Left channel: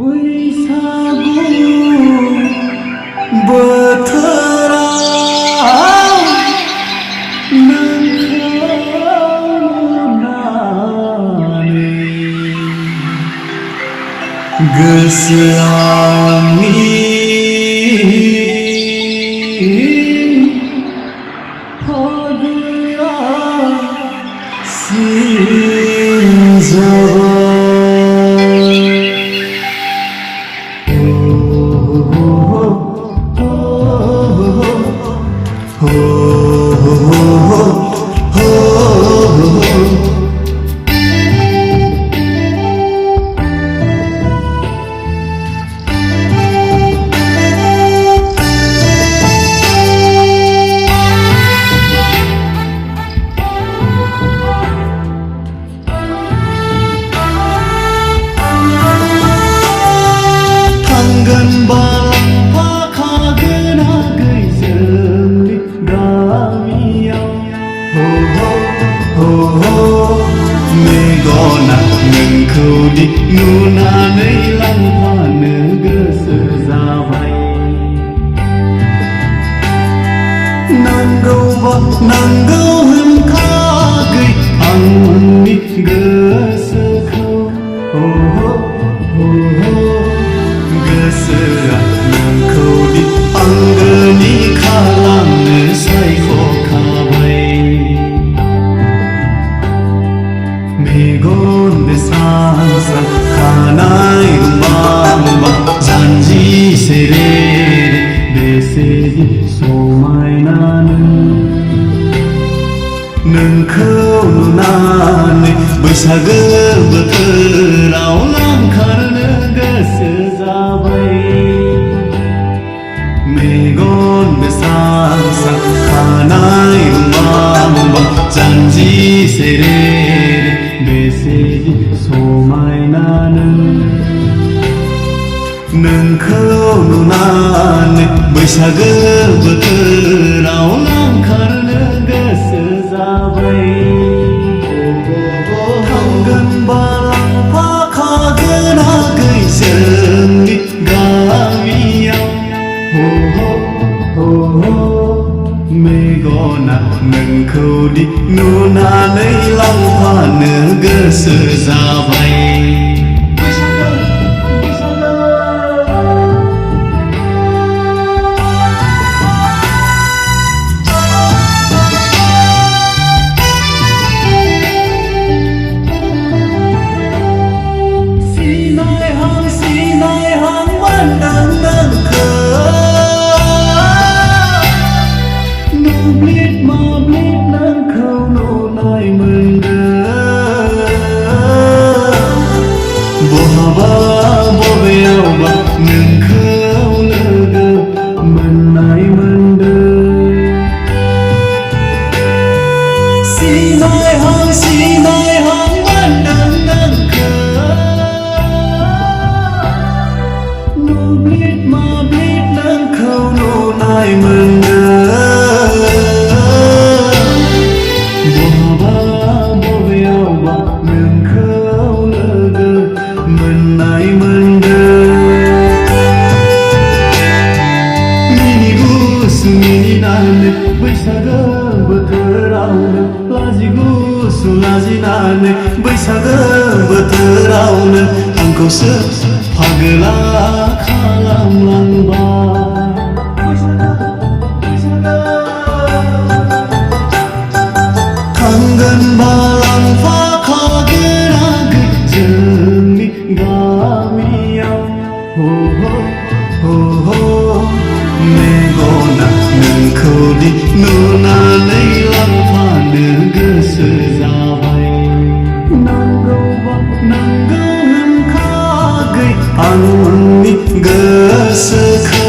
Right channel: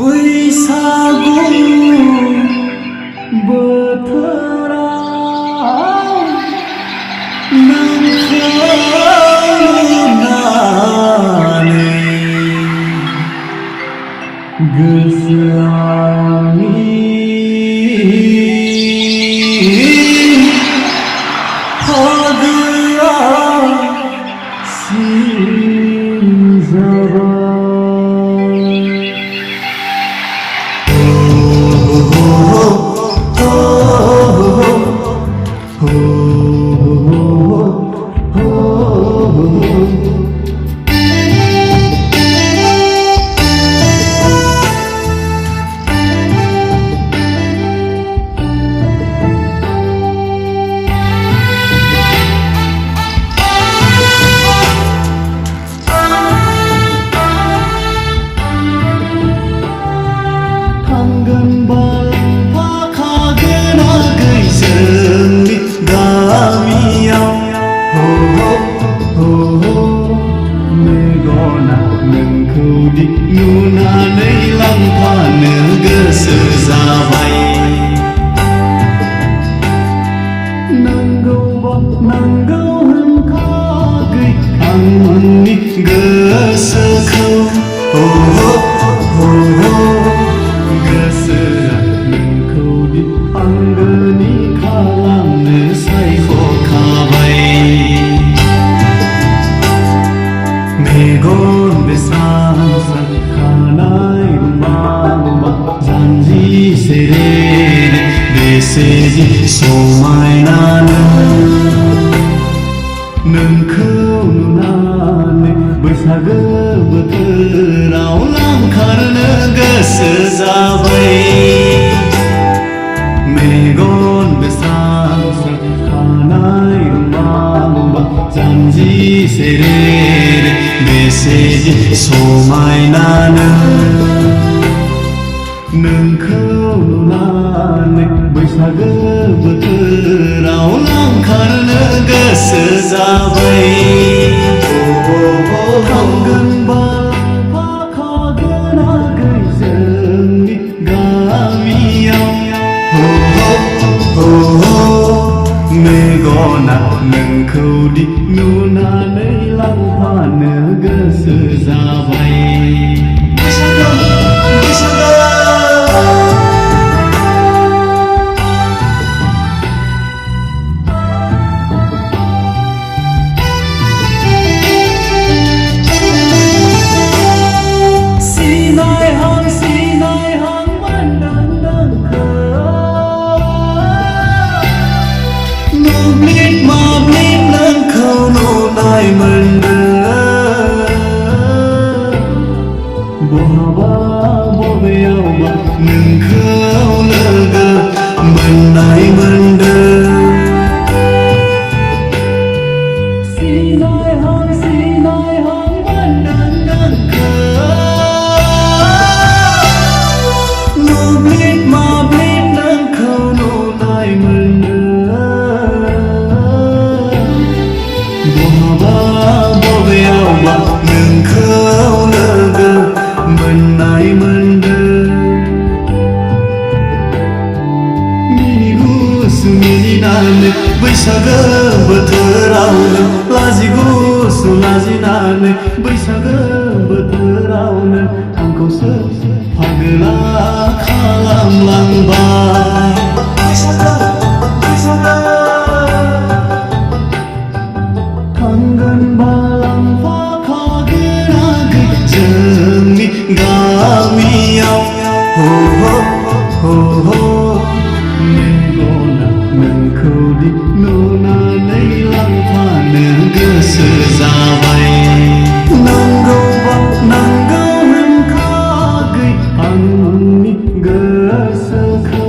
बैसागु बोथोराव नोंखौ नुनानै गोसोआंनि फागोआ सिरिजाबाय। नुनानै लांफानो गोसो जाबाय। नांगौ होनखागै आंनि गोसोखौ गोसोआ नोंखौदि आंगोनि खालामनो सायख'खाबाय। मेगन बेस्रां स्रां खानाय रुमाल जानजि सेरे बेसेदि समायना नोंखौ नुनानै बैसागो बोथोराव लांखारनो गोसो जाबाय। मेगन बेस्रां स्रां खानाय रुमाल जानजि सेरे बेसेदि समायना नोंखौ नुनानै बैसागो बोथोराव लांखारनो गोसो जाबाय। थांगोन बा लांफाखागोन आगै जोंनि गामियाव। मेगना नोंखौदि नुनानै लांफानो गोसो जाबाय। मोब्लिब नोंखौ नुनाय मोनदों। बहाबा बबेयावबा नोंखौ लोगो मोननाय मोनदों। सिनायहां मोनदों नोंखौ। मोब्लिब नोंखौ नुनाय मोनदों। बहाबा बबेयावबा नोंखौ लोगो मोननाय मोनदों। मिनि गुसु मिनिनानै बैसागो बोथोरावनो लाजिगुसु लाजिनानै बैसागो बोथोरावनो आंखौसो फागोला खालामलांबाय। मेगना नोंखौदि नुनानै लांफानो गोसो जाबाय। नांगौ होनखागै आंनि गोसोखौ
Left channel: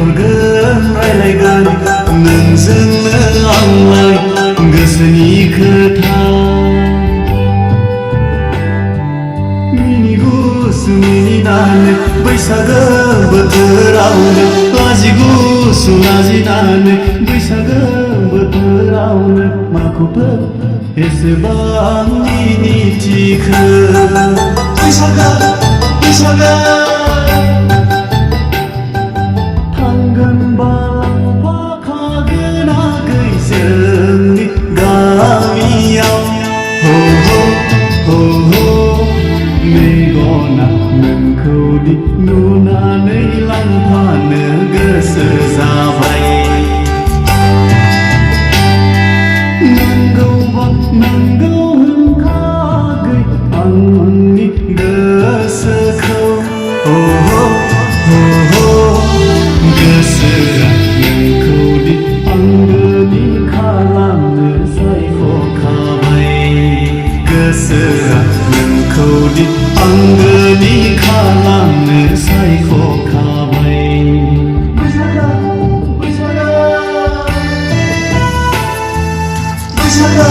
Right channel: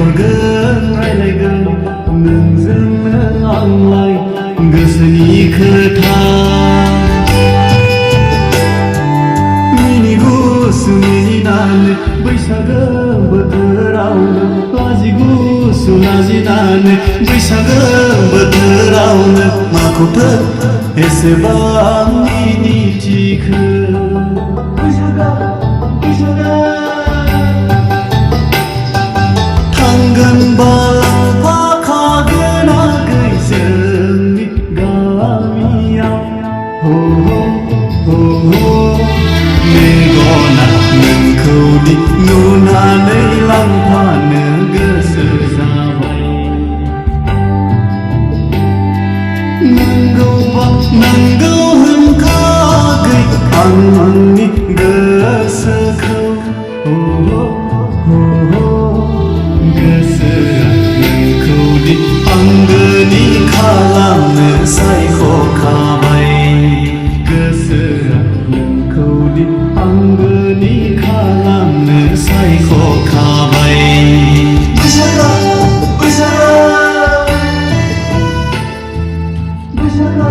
हरगोन रायलायगोन नोंजोंनो आंलाय गोसोनि खोथा मिनिगुसु मिनिनानै बैसागो बोथोरावनो लाजिगुसु लाजिनानै बैसागो बोथोरावनो माखौथो एसेबां मिनिथिखो बैसागो बैसागो थांगोन बाफाखागोन आगै जोंनि गामियाव हो हो हो मेगना नोंखौदि नुनानै लांफानो गोसो जाबाय नांगौबा नांगौ होनखागै आंनि गोसोखौ हो हो हो गोसोआ नोंखौदि आंगोनि खालामनो सायख'खाबाय गोसोआ नोंखौदि आंगोनि खालामनो सायख'खाबाय बैसागो बैसागो बैसागो